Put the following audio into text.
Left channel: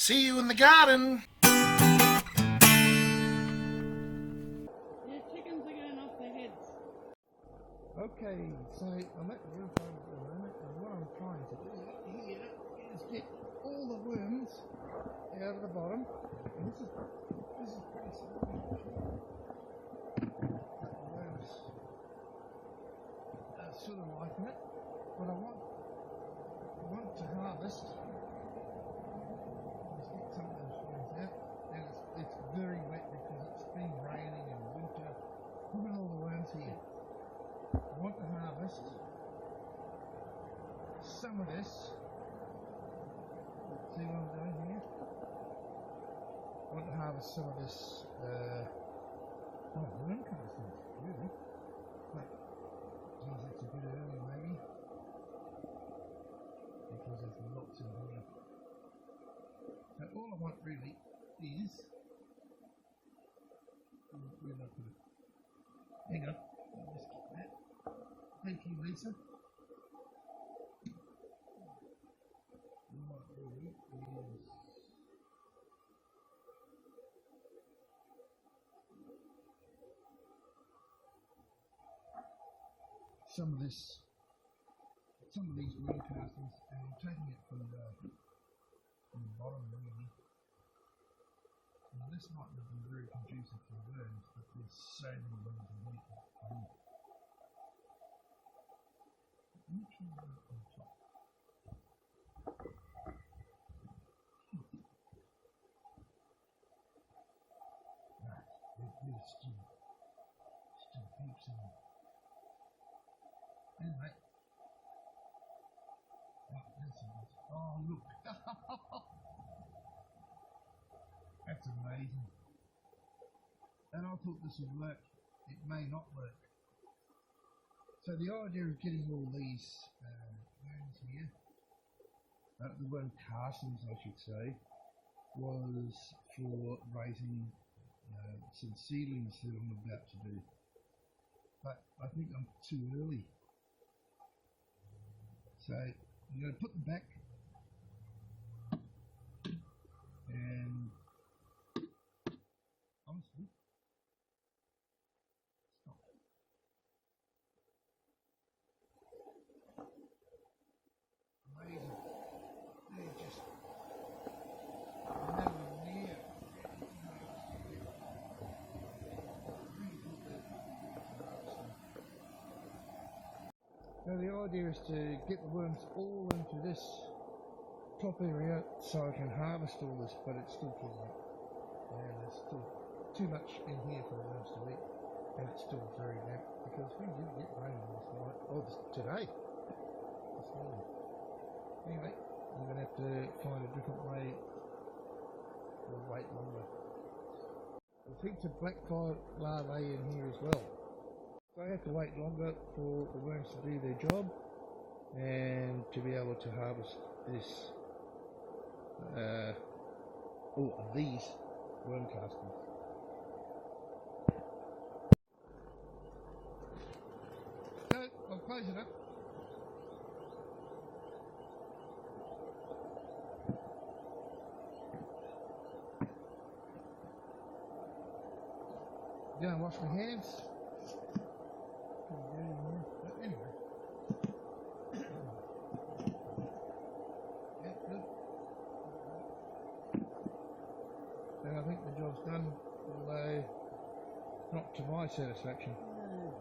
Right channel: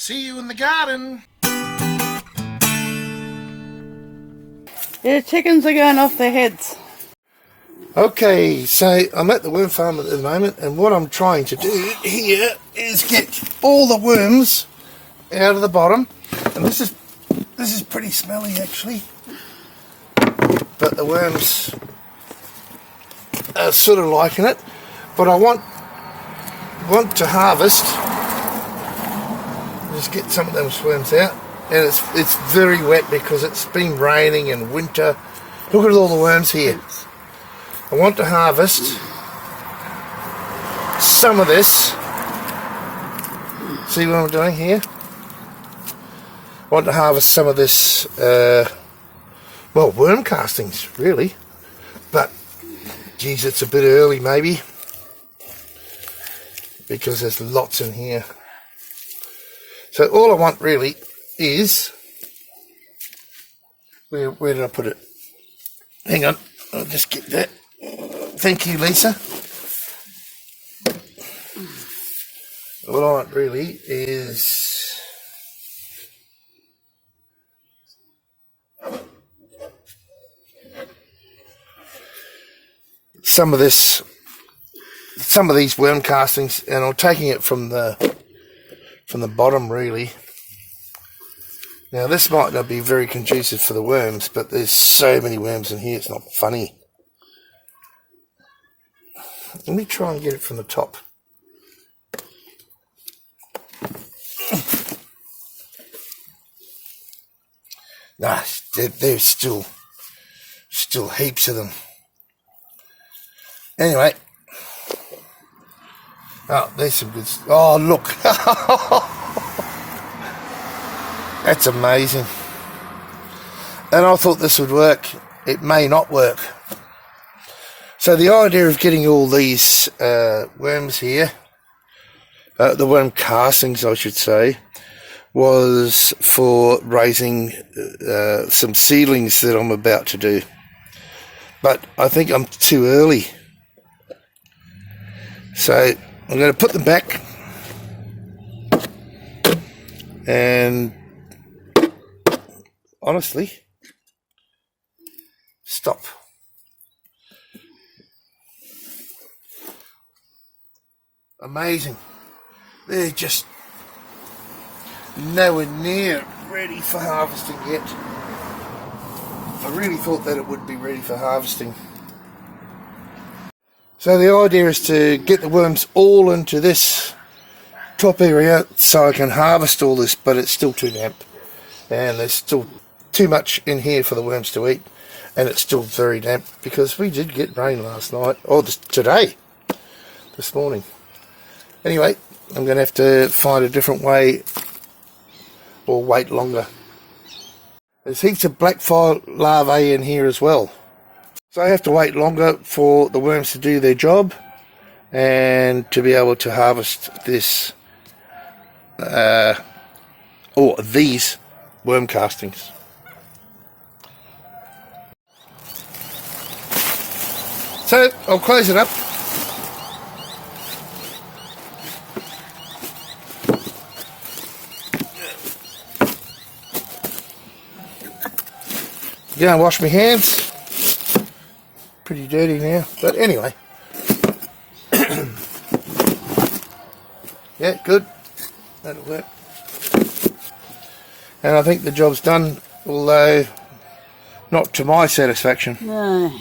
See you in the garden. Yeah, chickens are going off their heads. Okay, so I'm at the worm farm at the moment, and what I'm trying to do here is get all the worms out of the bottom. And this is pretty smelly actually, but the worms are sort of liking it. But I want to harvest. Just get some of those worms out, and it's very wet because it's been raining and winter. Look at all the worms here. I want to harvest some of this. See what I'm doing here? I want to harvest some of this, well, worm castings, really. But, geez, it's a bit early, maybe. Because there's lots in here. So all I want, really, is... Where did I put it? Hang on, I'll just get that. Thank you, Lisa. All I want, really, is... some of these worm castings, and I'm taking it from the bottom, really. Now this might not be very conducive for the worms, but there's so many worms in here, it's not funny. Let me try and get it from the top. Nah, there's still heaps of them. Anyway. Oh, there's some good... Oh, look. That's amazing. And I thought this would work. It may not work. So the idea of getting all these worms here, the worm castings I should say, was for raising some seedlings that I'm about to do. But I think I'm too early. So I'm going to put them back and honestly stop. Amazing. They're just nowhere near ready for harvesting yet. I really thought that it would be ready for harvesting. So the idea is to get the worms all into this top area so I can harvest all this, but it's still too damp. And there's still too much in here for the worms to eat. And it's still very damp because we did get rain last night, or today, this morning. Anyway, I'm going to have to find a different way or wait longer. There's heaps of blackfly larvae in here as well. So I have to wait longer for the worms to do their job and to be able to harvest this, or these worm castings. So I'll close it up. Go and wash my hands. Pretty dirty now, but anyway. Yeah, good. That'll work. And I think the job's done, although not to my satisfaction. No.